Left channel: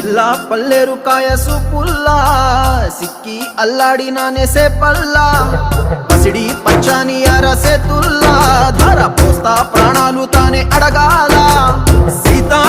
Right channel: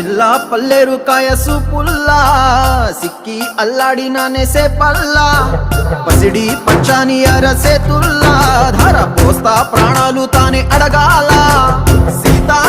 పిల్ల పల్లెరు కాయ సూపుల్లా సిక్కి అల్లాడి నానేసే పల్లా పసిడి పచ్చాని అరసే తుల్లా ధర పోస్తా ప్రాణాలు తానే అడగాల సీతా